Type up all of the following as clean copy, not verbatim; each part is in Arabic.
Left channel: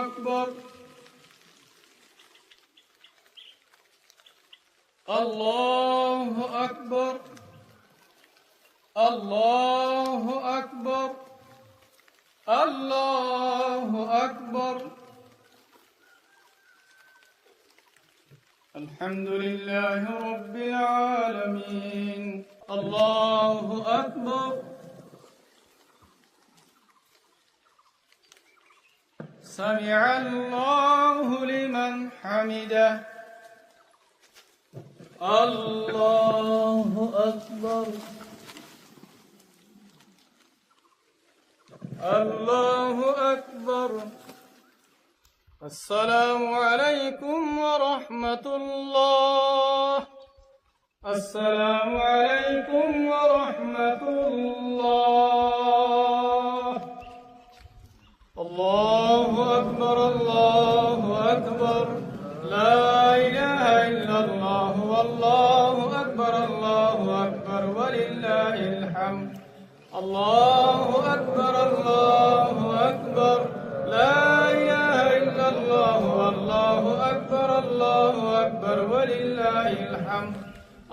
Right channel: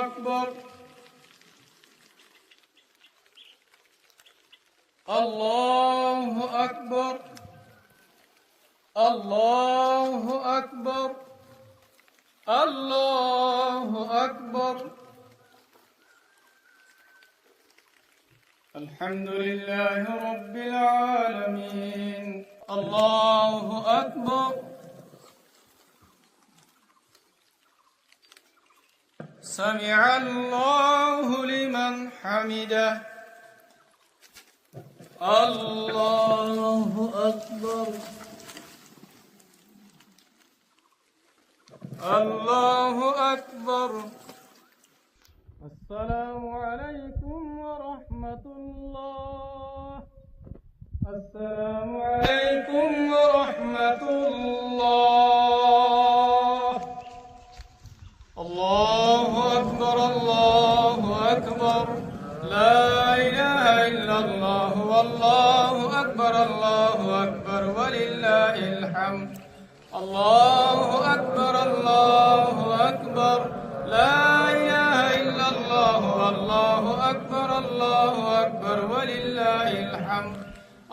أكبر الله أكبر الله أكبر الله أكبر. الحمد لله رب العالمين. الله أكبر. سمع الله لمن حمده. الله أكبر. الله أكبر. السلام عليكم ورحمة الله. السلام عليكم ورحمة الله. الله أكبر الله أكبر. لا إله إلا الله والله أكبر الله أكبر ولله الحمد. الله أكبر الله أكبر. لا إله إلا الله والله أكبر الله أكبر ولله الحمد.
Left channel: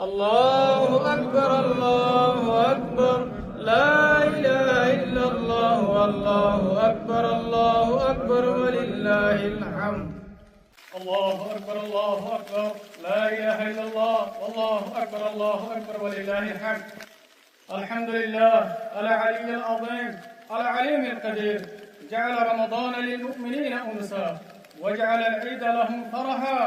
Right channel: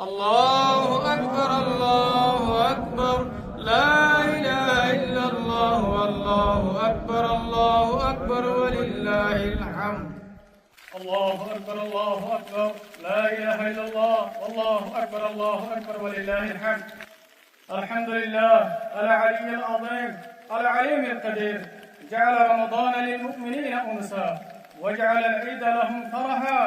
الله أكبر الله أكبر. لا إله إلا الله والله أكبر الله أكبر ولله الحمد. الله أكبر الله أكبر. لا إله إلا الله والله أكبر الله أكبر ولله الحمد. الحمد لله العلي العظيم العليم القدير، جعل رمضان للمؤمنين أنسا، وجعل العيد لهم فرحا،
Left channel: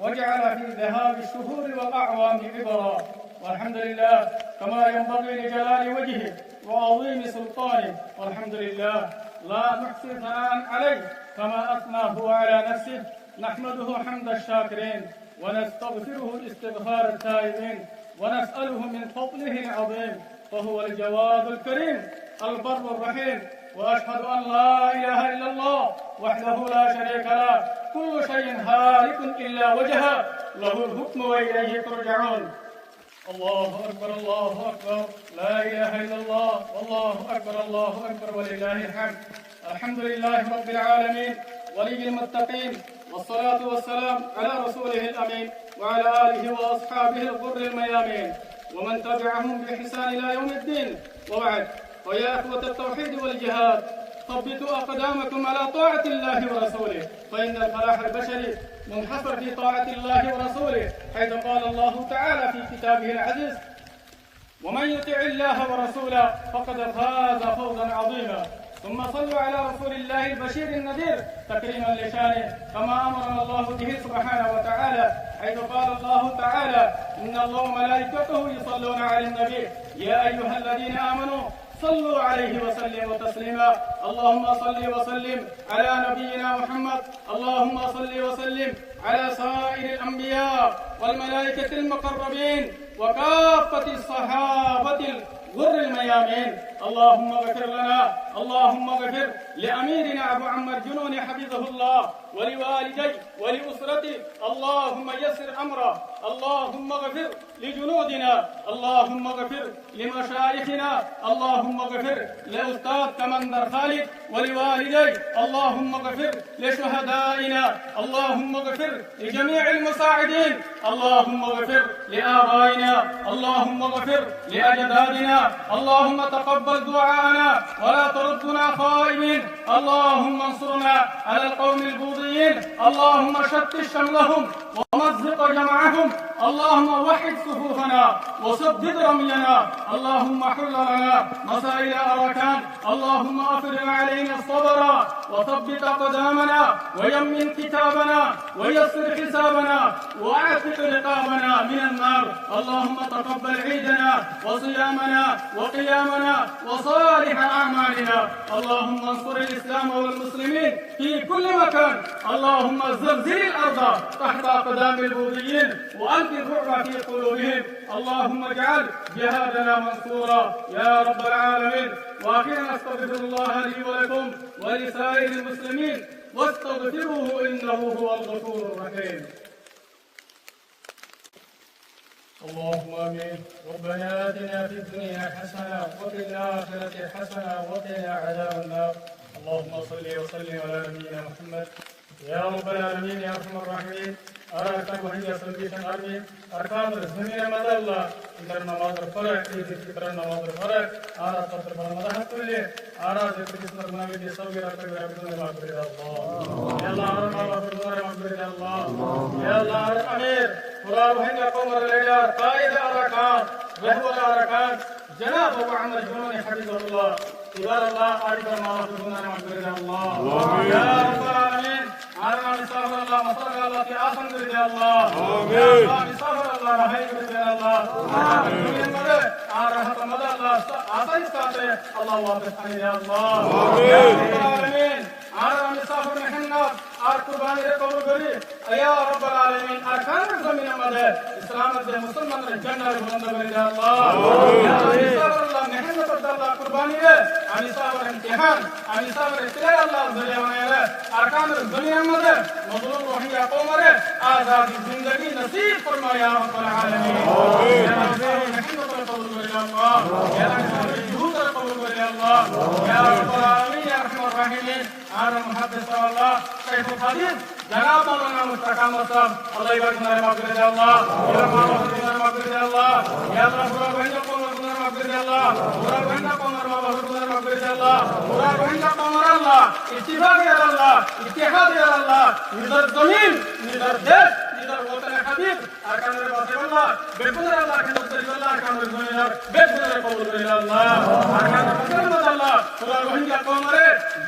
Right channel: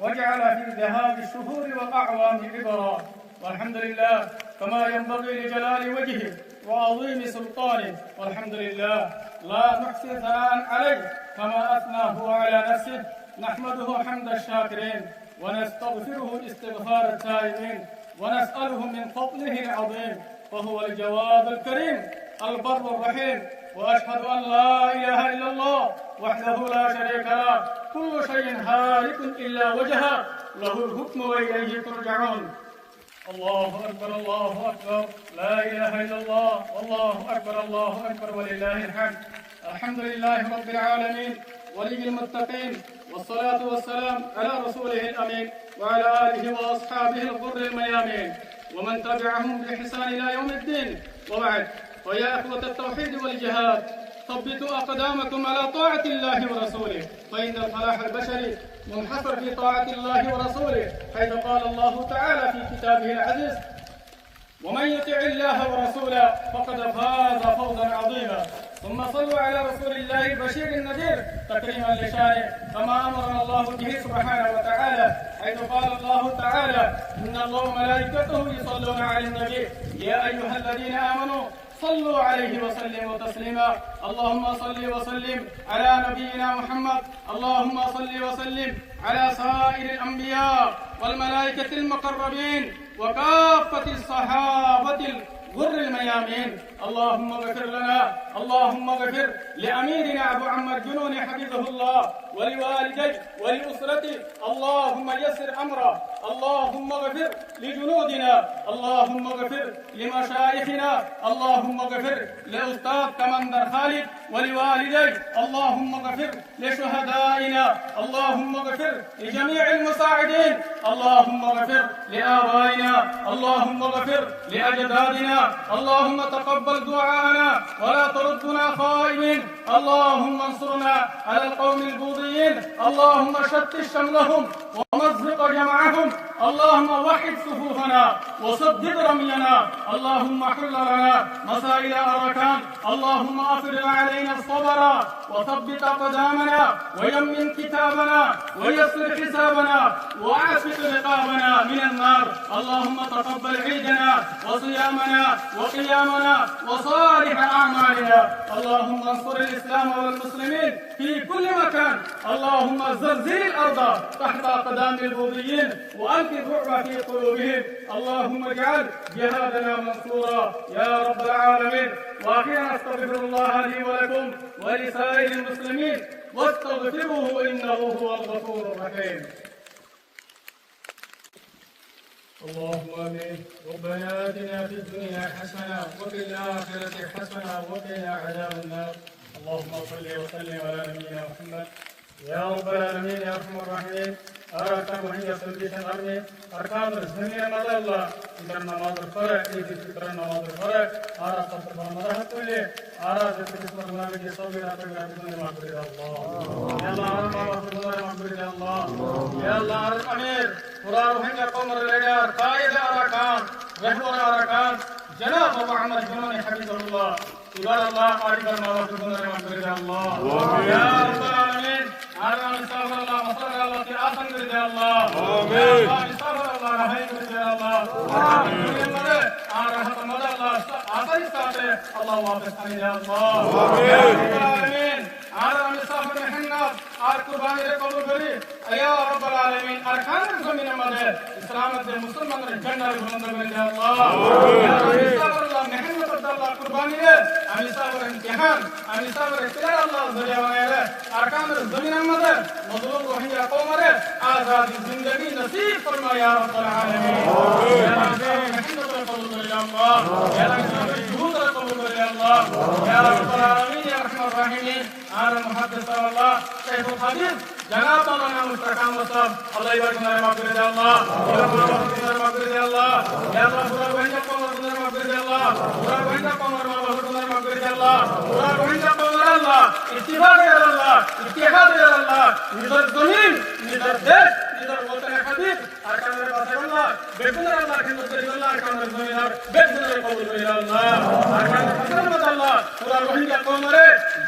وجعل في ذهاب الشهور والأعوام عبرا. والحمد لله كما ينبغي لجلال وجهه وعظيم سلطانه. والحمد لله لا نحصي ثناء عليه كما أثنى هو على نفسه. نحمده حمد الشاكرين ونستغفره استغفار التائبين، ونسأله من فضله العظيم، فهو الجواد الكريم البر الرحيم. وأشهد أن لا إله إلا الله وحده لا شريك له، كل شيء هالك إلا وجهه، له الحكم وإليه ترجعون. الله أكبر الله أكبر. لا إله إلا الله والله أكبر الله أكبر ولله الحمد. الحمد لله رب العالمين ولي المتقين، والصلاة والسلام على رسوله الأمين وعلى آله وأصحابه الغر الميامين ومن تبعهم بإحسان إلى يوم الدين. وبعد، ويا إخوة التوحيد والجهاد، ثبتوا أقدامكم على طاعة الله ورسوله، فإن الفلاح البشري منحصر في طاعة الله ورسوله، حيث قال الله تعالى في كتابه العزيز: ومن يطع الله ورسوله فقد فاز فوزا عظيما. ثم صلوا على رسول الله البشير النذير تكريما لشانه، كما امرنا الله به سبحانه وتعالى، حيث قال الله تعالى: ان الله وملائكته يصلون على النبي يا ايها الذين امنوا صلوا عليه وسلموا تسليما. اللهم صل وسلم على نبينا محمد. اللهم صل وسلم على سائر الانبياء والملائكه المقربين وكافه الصحابه غر الميامين. اللهم اغفر لنا، اللهم اغفر لأميرنا أبو عمر جنون حفظه الله، ولوالديه ولأسرته. اللهم يسر أمره. اللهم اغفر لجنودنا. اللهم اغفر لمشايخنا. اللهم اغفر لأستاذ كمندر خالد ولوالديه. اللهم اغفر لشهدائنا. اللهم اغفر لجميع المساعدين. اللهم اغفر لآبائنا. اللهم اغفر لأجدادنا. اللهم تقبل دعاءنا ولا تردنا خائبين. اللهم انصرنا على القوم البوذيين. اللهم شتت شملهم ومزق جمعهم. اللهم وحد صفوفنا وسدد رمينا. اللهم حل لنا مسائل أركان. اللهم أفرغ علينا الصبر وثبت أقدامنا ويمن كتابنا ويسر حسابنا وأعتق رقابنا من النار. اللهم تقبل عيدنا وصيامنا وقيامنا وصالح أعمالنا. اللهم انصر الإسلام والمسلمين في كل مكان. اللهم زلزل الأرض تحت أقدام البوذيين وألق الرعب في قلوبهم. اللهم اجعل جهادنا منصورا يا رب العالمين. وأخيرا أستغفر الله لي ولكم ولسائر المسلمين، واستغفروه إنه هو الغفور الرحيم. اللهم آمين. ربنا آتنا في الدنيا حسنة وفي الآخرة حسنة وقنا عذاب النار. اللهم صل وسلم على نبينا محمد يا رب العالمين يا ارحم الراحمين. أركان وحيد سلبيشن أرمي أركان الزمين مدى الله إذا النماز الفرق إذا فطر النماز الفرق أرى تطر برمضة كله أرى ذكر اسم المنابي جسوي راتب راتب المغفرة الله يا الله أرى الله فرضنا المغفرة الله يا الله أرى أمير قرار وحيد قوم الليدر قائد أركان رحمة أركان جناب محمد جنون حبيب الله إذا الله أرى الله فرضنا المغفرة الله يا رب العالمين أرى مسافر الله مصر الله في آخر يا الله آمين مسافر الله رحيم يا الله آمين رحمة مدى الله آخر ساته الله واقف يا الله آمين أرى مسافر محمد আর কুরবানি রে কবুল করি আয়া রব্বুল আলামিন আর খান জমিনের মধ্যে ইসলামের যে মুসলমানদের জান্নাতের বুলন্দ করে ইয়া আল্লাহ আমিন সাল্লাল্লাহু মেহনত আল্লাহ কুরবানি রে আমি সাবর ইমতিহান আমি সাবর ইতিলা আল্লাহ জলিয়া বানায়ে আর খান জমিনের মধ্যে মজলুম রোহিঙ্গা কওমরে আজাদি জিন্দেগি নসিব ফরমাও ইয়া রব্বুল আলামিন আমিন ইয়া রাব্বুল মেহনত কবুল করে ইয়া আল্লাহ ইয়া রাব্বুল জুহুদ কবুল করে ইয়া আল্লাহ ইয়া রব্বুল আলামিন ইয়া আরহামার রাহিমিন আর মুহাদ্দিস আল্লাহ شيخ القدير جناب مولانا مستقام مصطفى الله يبارك لنا مغفرة يا الله يا الله مغفرة مغفرة يا الله يا الله سورة وهنجا قوم مغفرة يا الله سورة وهنجا قوم مغفرة يا الله سورة وهنجا قوم الله اتفاق يا الله اتحاد يا الله نذر زمين نذر ديش نذر وطن حبيب أركان الله بيتنا الله كنوز كريم الله أركان الزمين بيتنا قبول كريم الله أركان الله سورة وهنجا قوم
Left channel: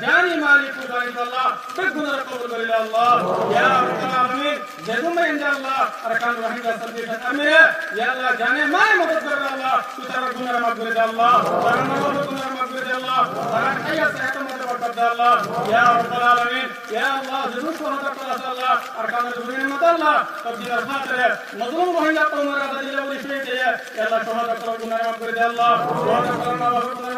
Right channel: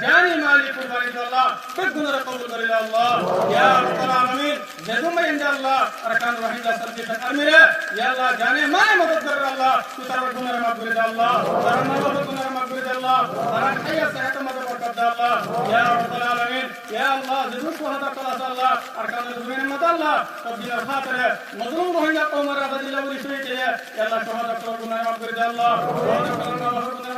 جاني مالك الله بيتنا قبول كريم الله يا رب العالمين جزم عند الله أركان وهنجا سلبيشن أمير يا الله جاني ما مدد كر الله ترى كنا مغفرة الله ترى ما كنا مغفرة الله ترى حياة صحة مدد بركة الله يا رب العالمين يا الله جزم شهداء الله أركان الزمين مدد الله تبجيل الخاطر مظلوم روهينجا قوم رضي الله ولي يا الله شهداء كنا مغفرة الله شهداء كنا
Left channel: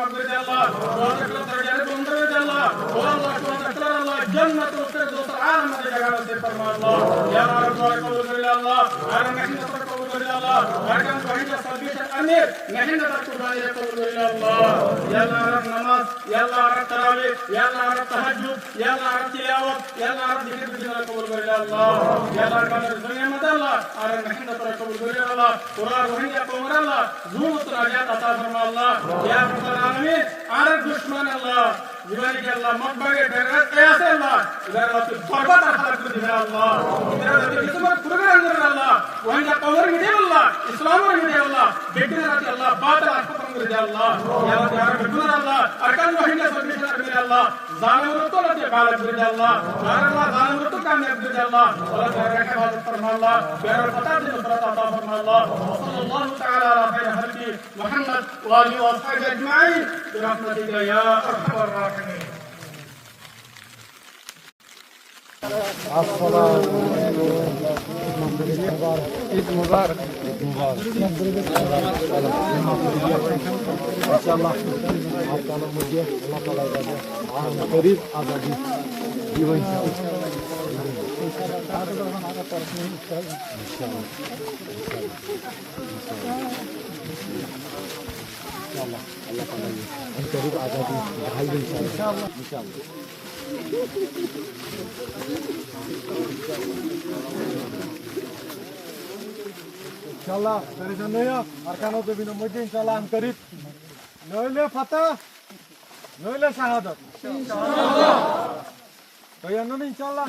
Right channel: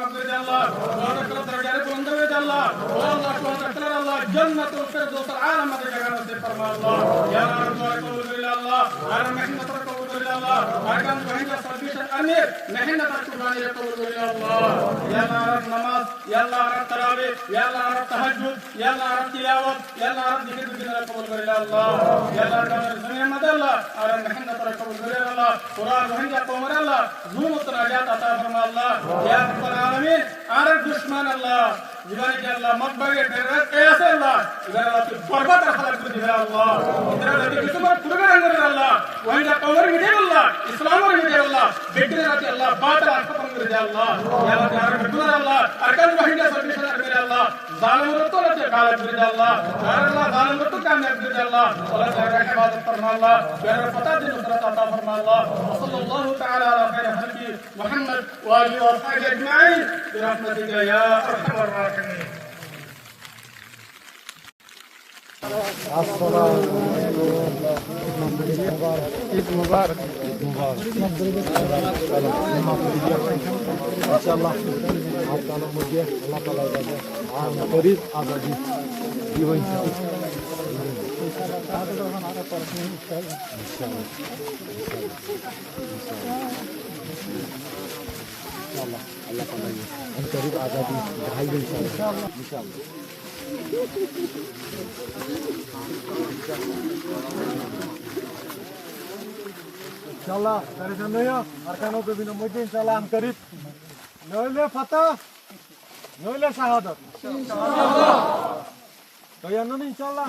مغفرة الله شهداء كنا درجات بلند الله والله شهداء الله جنة الفردوس العالم مدد جعلنا في فرما الله يا رب قبول كريم الله أنا محنة قبول كريم الله أركان روهينجا سلبيش الأمير محنة قرباني قبول كريم الله يا الله رب نماز يا الله رب تراويح يا الله رب تهجد يا الله رب تلاوة يا الله رب ذكر بجنا قبول كريم الله يا الله كان الدنيا مدى الله أنا محنة قبول كريم الله قرآن روهينجا قوم الله زومت نجات عطا فرما الله يا رب العالمين أنا دشمن الله جباني جل الله مقبرة درجات قياس الله إذا الله برباد رحلة كذب الله إذا الله كتمر كذب الله وإن قومر مدير الله إسلامر مدير الله بيتنا ناتي الله باطل أركب مدير الله يا رب يا رب بدنا الله أركان وحيد سلبيشنا مدير الله ظالم رتو لتي قال مدير الله يا الله ظالم رتو كان مدير الله ولا ترك عبادة فرما الله يا رب فتاة نصرة عطا فرما الله وصلى الله تعالى على خير خلقه محمد وآله وأصحابه أجمعين برحمتك يا أرحم الراحمين. عيد مبارك इंशाल्लाह आपका नाम मुझे अल्लाह ताला का करीब आज़ादी जीवन इंशाल्लाह अल्लाह ताला हम करीब आज़ादी दिखाएंगे इंशाल्लाह इंशाल्लाह परेशान नहीं हो अरकानों के बिना मुझे इंशाल्लाह हम करीब नौले फतह नौले शहादत इंशाल्लाह तो ये नहीं इंशाल्लाह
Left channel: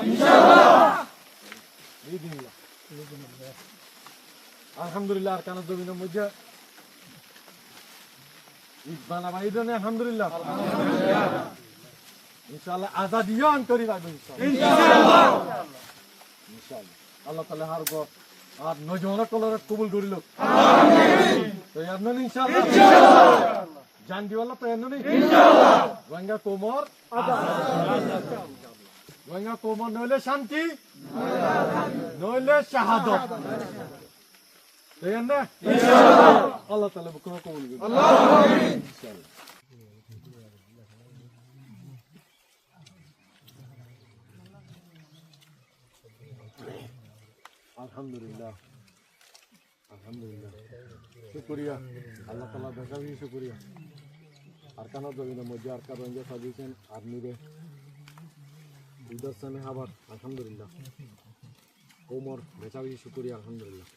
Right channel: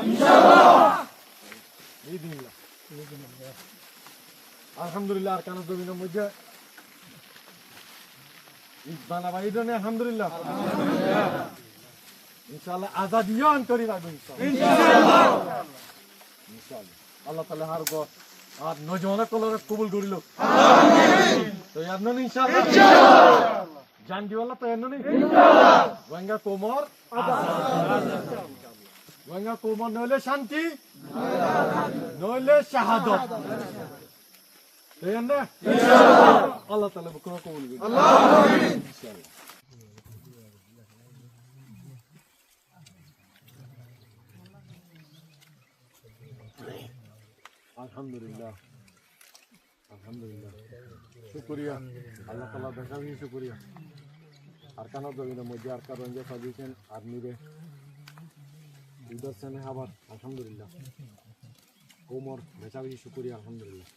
बिस्मिल्लाह अल्हम्दुलिल्लाह अरकानों के बिना मुझे इस बाला वाइदो ने अल्हम्दुलिल्लाह इंशाल्लाह आजादियां हम करीब आएंगे इंशाल्लाह अल्लाह ताला हर को আর নজওয়ানা কলরে কবুল করিল তো আপনি ইনশাআল্লাহ জান দিওয়ালা তো এনো ইনশাআল্লাহ ওয়াঙ্গা কোমর ওয়াঙ্গা কোমর নইলে শান্তি নইলে শাহাদাত তো এনে ইনশাআল্লাহ আল্লাহ তাআলা কবুল করুন আল্লাহুম্মা আমিন ইনশাআল্লাহ अल्हम्दुलिल्लाह अल्हम्दुलिल्लाह शुक्रिया अल्लाह ताला बेहतर ही शुक्रिया আরকানো জমিনের মধ্যে আরকা রঞ্জে সাজিয়েছেন আর্মিরে ঈদের সামনে আবার আলহামদুলিল্লাহ কোমর বেচা বেশি শুকুরি আলহামদুলিল্লাহ